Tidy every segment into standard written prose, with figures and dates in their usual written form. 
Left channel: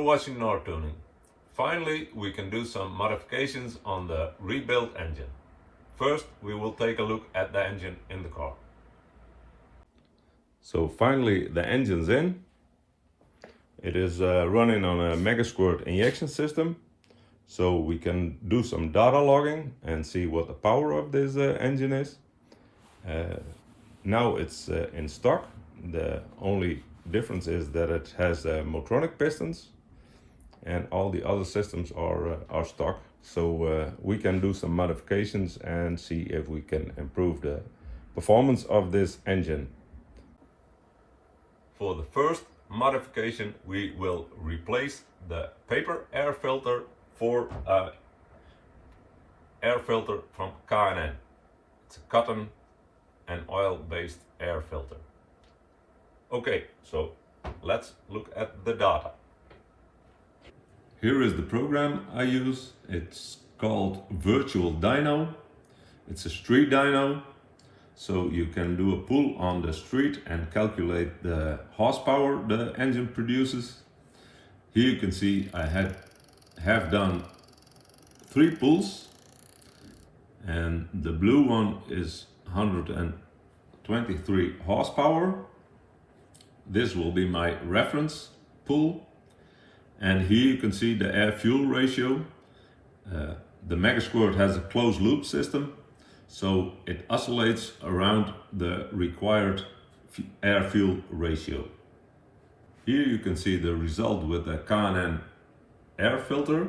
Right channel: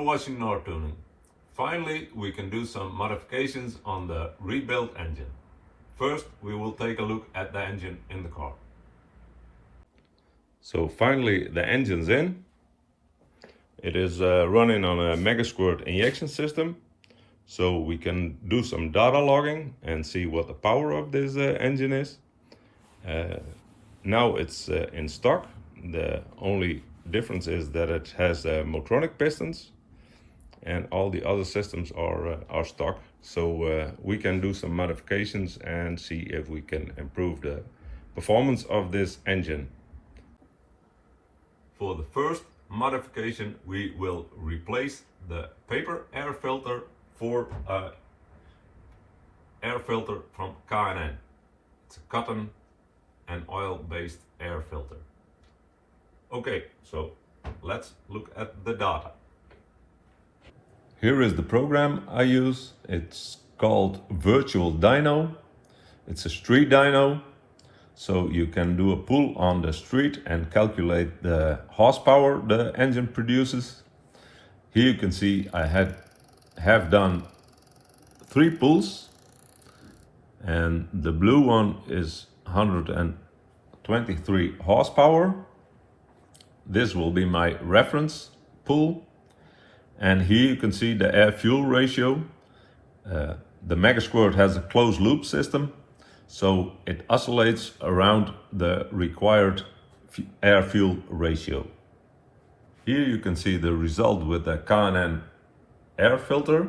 You're watching Nord Tuning. Finally, we can do some modifications on the rebuilt engine. First, we will take a look at the engine in the car. So finally, the engine's in. It is running on a mega squirt injection system. So we can do some data logging and see what the power of this engine is. Now it's in stock. The only difference is that it has Motronic pistons, and all the other systems are stock. So we can do some modifications and see if we can improve the performance of this engine. For the first modification, we will replace the paper air filter for an air filter from K&N. It's a cotton and oil-based air filter. Okay, so let's look at the data. Here is the program I use. It's called Virtual Dyno. It's a street dyno, so you can do a pull on the street and calculate the horsepower the engine produces. Here you can see I have done 3 pulls, and the blue one is 123 horsepower. This will be my reference pull, and here you can see the air-fuel ratio. The Mega Squirt has a closed loop system, so it oscillates around the required air-fuel ratio. Here you can see the result with the K&N air filter.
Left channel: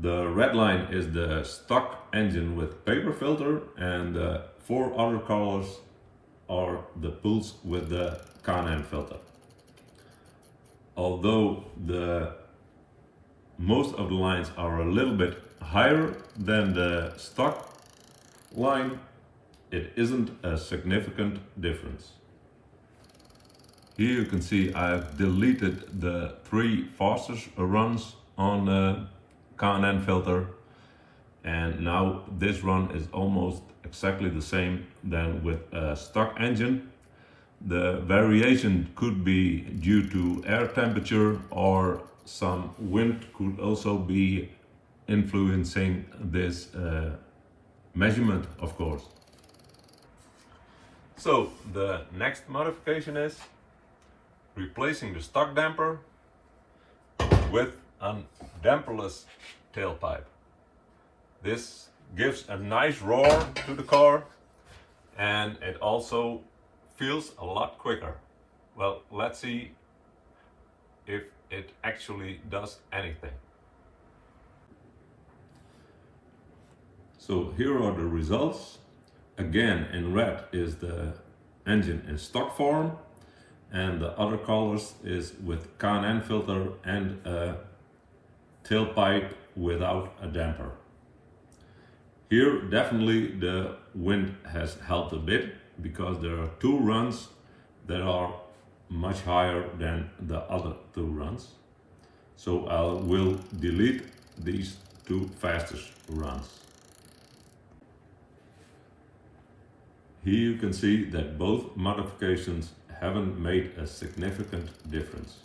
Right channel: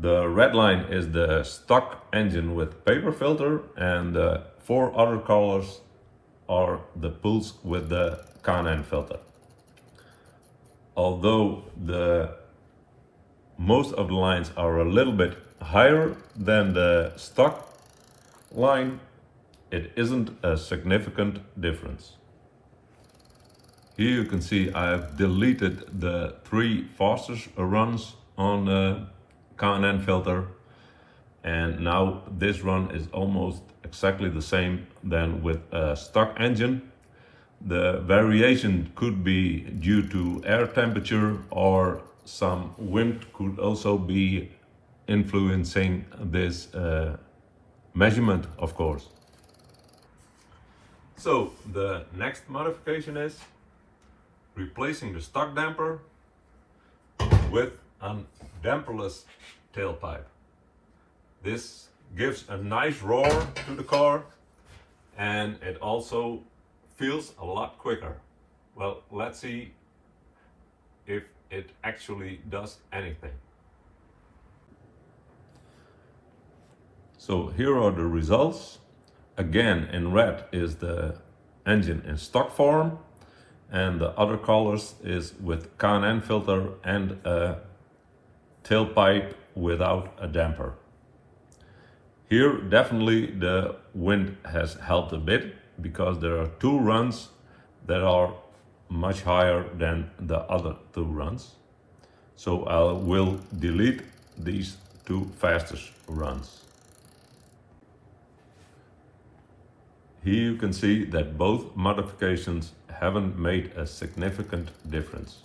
The red line is the stock engine with paper filter, and the 4 other colors are the pulls with the K&N filter. Although most of the lines are a little bit higher than the stock line, it isn't a significant difference. Here you can see I have deleted the 3 Foster's runs on the K&N filter, and now this run is almost exactly the same than with a stock engine. The variation could be due to air temperature, or some wind could also be influencing this measurement, of course. So the next modification is replacing the stock damper with a damperless tailpipe. This gives a nice roar to the car, and it also feels a lot quicker. Well, let's see if it actually does anything. So here are the results. Again, in red is the engine in stock form, and the other colors is with K&N filter and a tailpipe without a damper. Here definitely the wind has helped a bit, because there are 2 runs that are much higher than the other 2 runs. So I will delete these 2 fastest runs. Here you can see that both modifications haven't made a significant difference.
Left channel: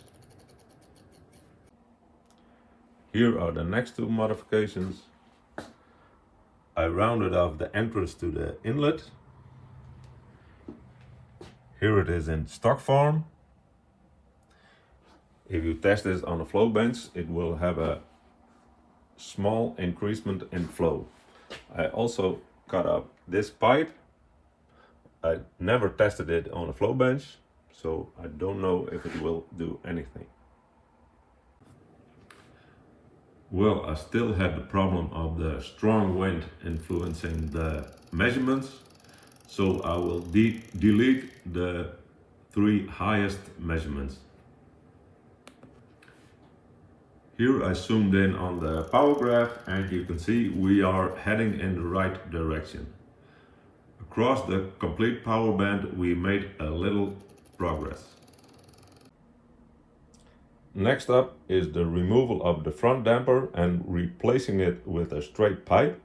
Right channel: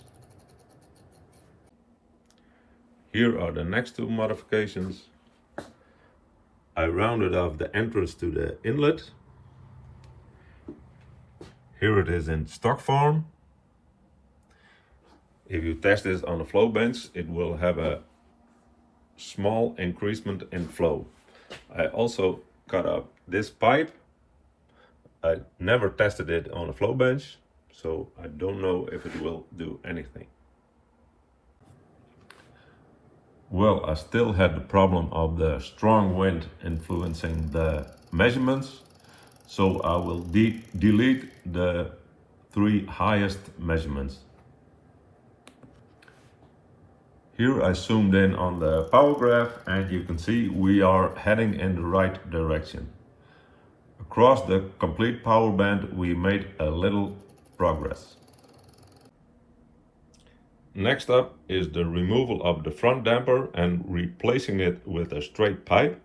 Here are the next 2 modifications. I rounded off the entrance to the inlet. Here it is in stock form. If you test this on a flow bench, it will have a small increasement in flow. I also cut up this pipe. I never tested it on a flow bench, so I don't know if it will do anything. Well, I still had the problem of the strong wind influencing the measurements, so I will delete the 3 highest measurements. Here I zoomed in on the power graph, and you can see we are heading in the right direction. Across the complete power band we made a little progress. Next up is the removal of the front damper and replacing it with a straight pipe.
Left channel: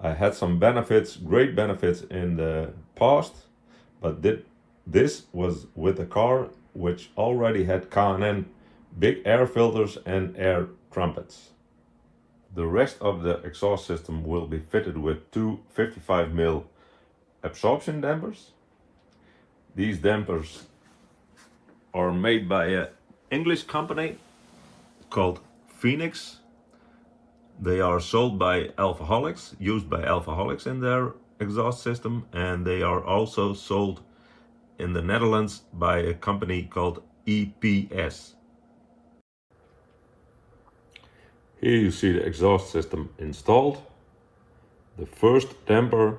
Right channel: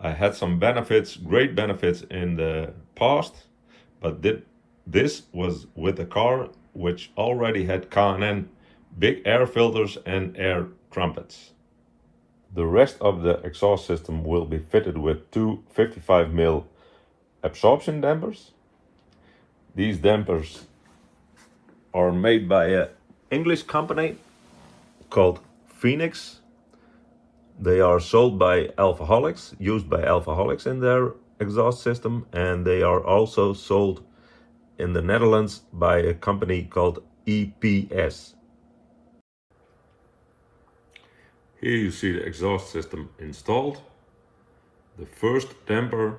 I had some benefits, great benefits in the past, but this was with a car which already had K&N big air filters and air trumpets. The rest of the exhaust system will be fitted with two 55mm absorption dampers. These dampers are made by an English company called Phoenix. They are sold by Alfaholics, used by Alfaholics in their exhaust system, and they are also sold in the Netherlands by a company called EPS. Here you see the exhaust system installed. The first damper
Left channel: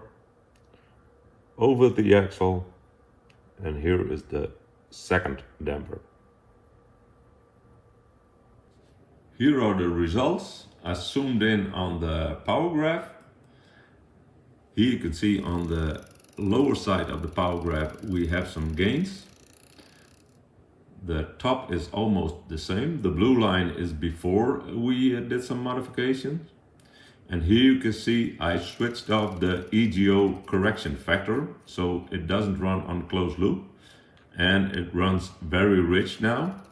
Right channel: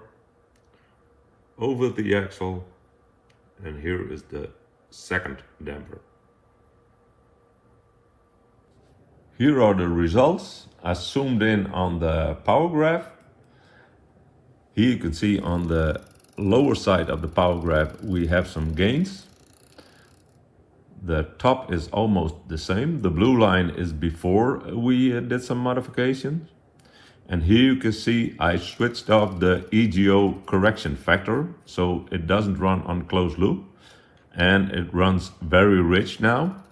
over the axle, and here is the second damper. Here are the results. I zoomed in on the power graph. Here you can see on the lower side of the power graph we have some gains. The top is almost the same. The blue line is before we did some modifications. And here you can see I switched off the EGO correction factor, so it doesn't run on closed loop, and it runs very rich now.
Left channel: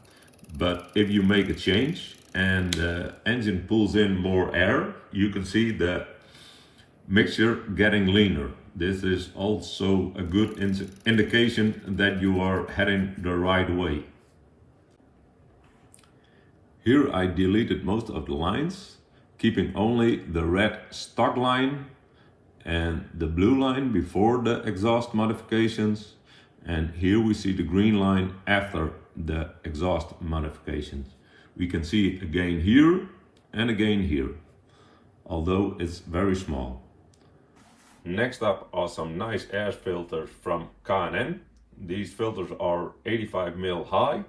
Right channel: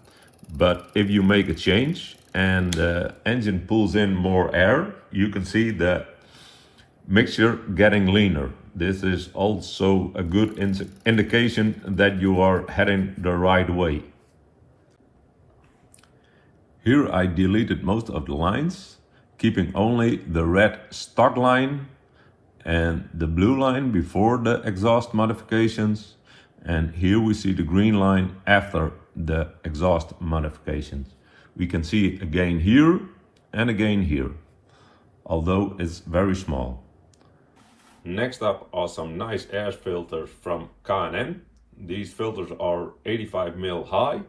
But if you make a change and the engine pulls in more air, you can see the mixture getting leaner. This is also a good indication that you are heading the right way. Here I deleted most of the lines, keeping only the red stock line and the blue line before the exhaust modifications. And here we see the green line after the exhaust modifications. We can see a gain here and a gain here, although it's very small. Next up are some nice air filters from K&N. These filters are 85mm high.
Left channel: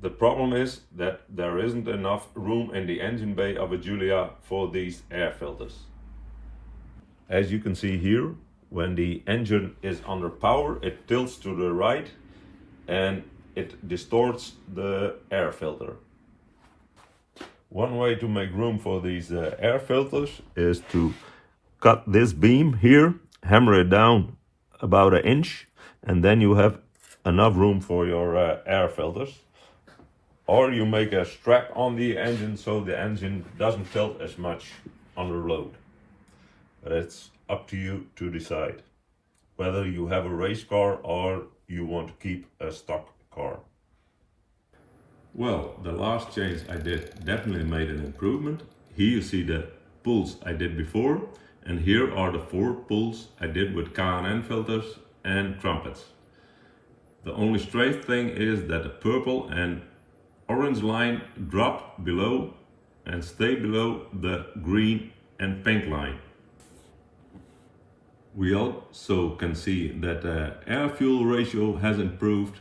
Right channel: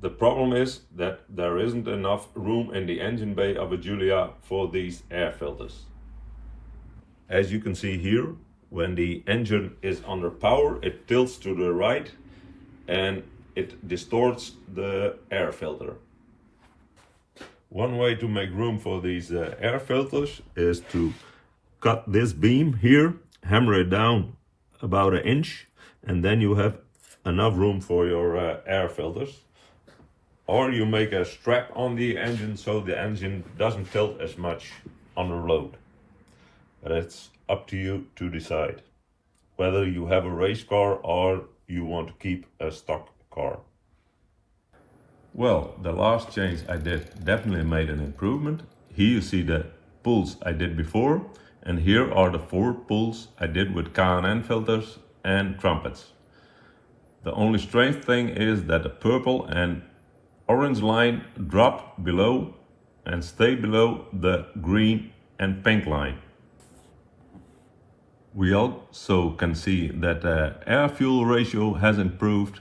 The problem is that there isn't enough room in the engine bay of a Giulia for these air filters. As you can see here, when the engine is under power, it tilts to the right and it distorts the air filter. One way to make room for these air filters is to cut this beam here, hammer it down about 1 inch, and then you have enough room for your air filters. Or you make a strap on the engine so the engine doesn't tilt as much under load. But it's up to you to decide whether you have a race car or you want to keep a stock car. Well, the last change I did definitely made an improvement. Here you see the pulls I did before, and here are the 4 pulls I did with K&N filters and trumpets. The only strange thing is that the purple and orange line dropped below and stayed below the green and pink line. We also can see that the air-fuel ratio has improved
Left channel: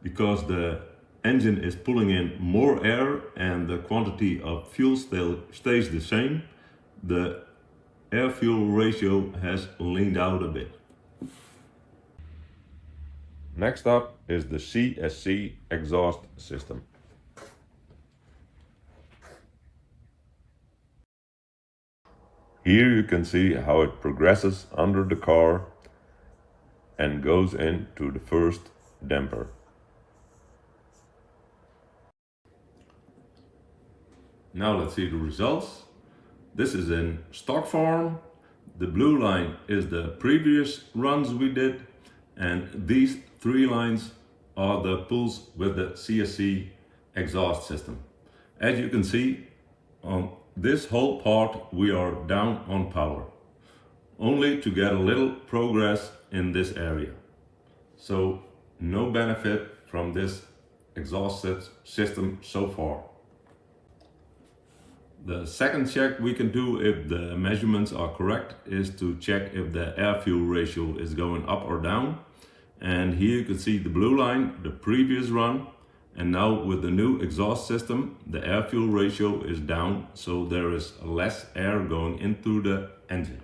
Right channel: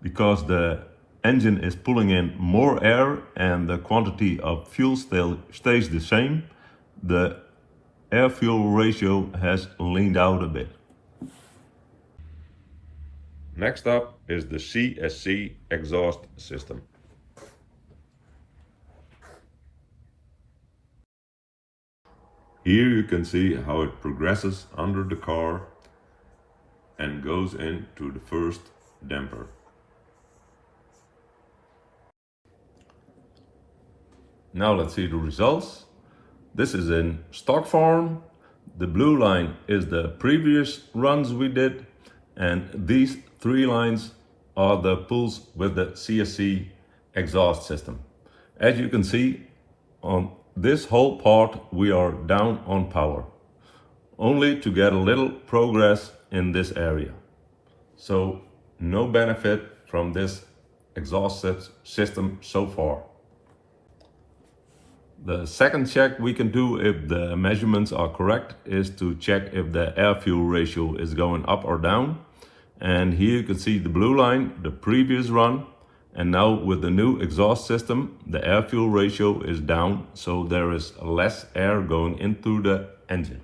because the engine is pulling in more air and the quantity of fuel still stays the same. The air-fuel ratio has leaned out a bit. Next up is the CSC exhaust system. Here you can see how it progresses under the car and goes into the first damper. Now let's see the results. This is in stock form. The blue line is the previous runs we did, and these 3 lines are the pulls with the CSC exhaust system. As you can see, on this whole part we are down on power, only to get a little progress in this area. So no benefit from this exhaust system so far. The second check we can do if the measurements are correct is to check if the air-fuel ratio is going up or down. And here you can see the blue line, the previous run, and now with the new exhaust system, the air-fuel ratio is down, so there is less air going into the engine.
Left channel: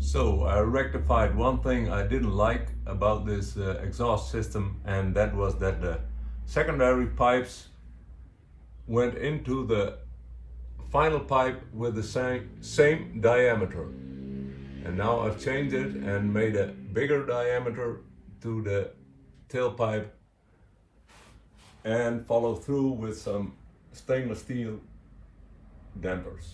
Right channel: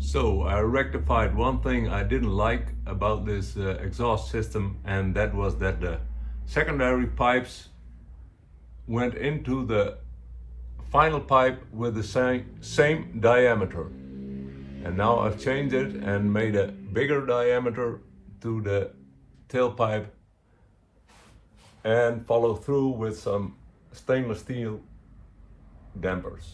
So I rectified one thing I didn't like about this exhaust system, and that was that the secondary pipes went into the final pipe with the same diameter. And now I've changed it and made a bigger diameter to the tailpipe and follow through with some stainless steel dampers.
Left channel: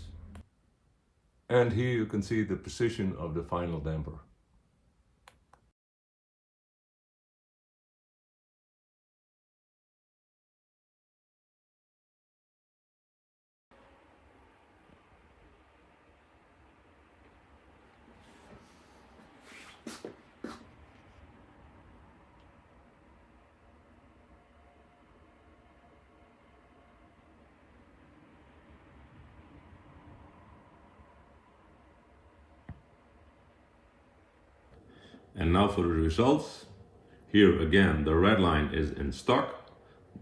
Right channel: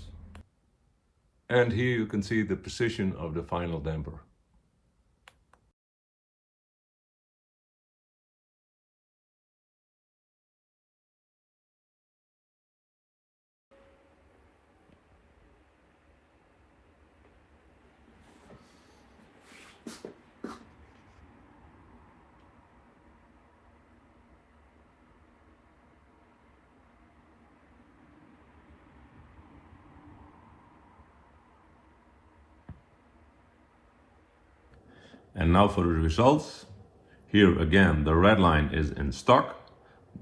And here you can see the position of the final damper. And now for the results. Here again, the red line is in stock,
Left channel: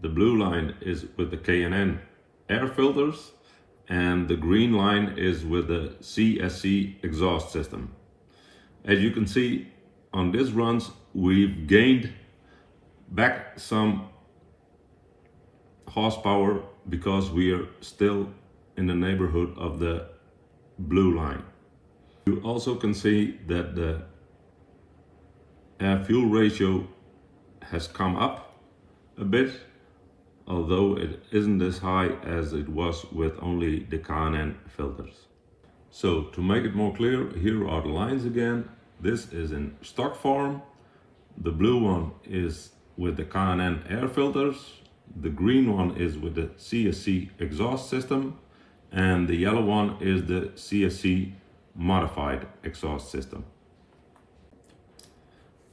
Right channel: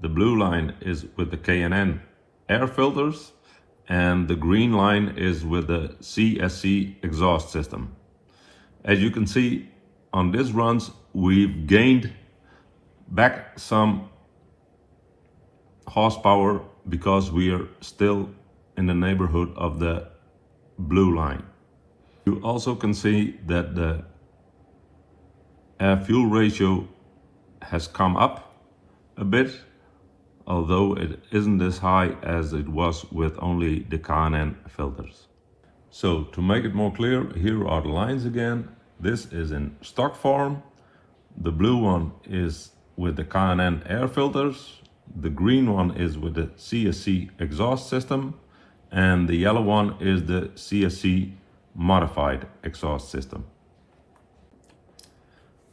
the blue line is with the K&N air filters, and the green line is with the CSC exhaust system. As you can see on these runs, we've gained back some horsepower because we are still in the neighborhood of the blue line. You also can see that the air fuel ratio has come up a bit, although it isn't as high as it was with only the K&N filters. So to make it more clear, here are the lines again. This is in stock form. The blue one is with the K&N air filters. The green one is with the CSC exhaust system. And the yellow one is the CSC modified exhaust system.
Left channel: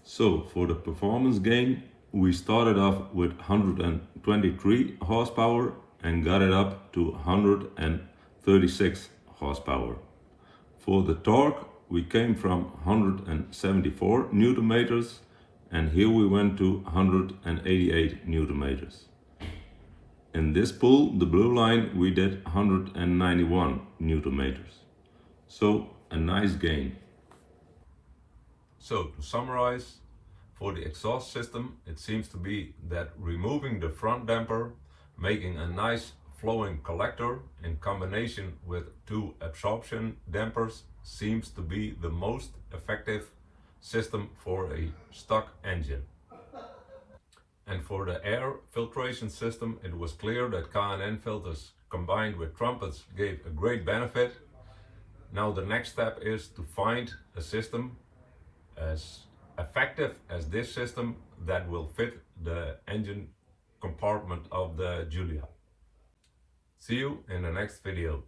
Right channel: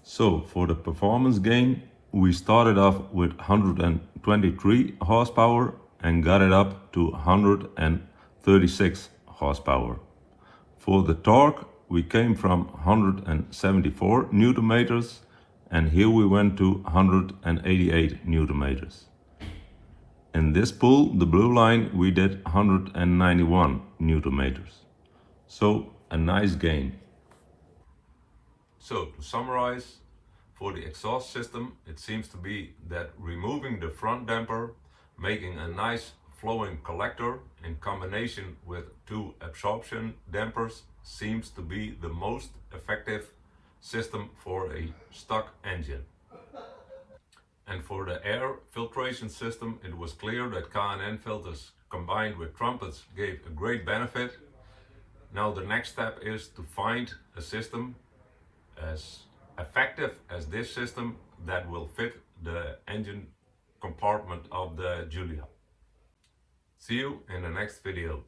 So for the performance gain, we started off with 123 horsepower and got it up to 136 horsepower. For the torque, we came from 174 Newton meters and here we went to 188 Newton meters. In this pool, the blue line, we did 191 Newton meters. So a nice gain. So to summarize, for the exhaust system, it seems to be that removing the front damper, making a nice flowing collector in combination with two absorption dampers seems to be the most effective system for a stock engine. And for the air filtration system, it was clear that K&N filters combined with trumpets gave a great benefit. Now the next step is to find a system as effective as this system that will fit the engine compartment of the Giulia. See you in the next video.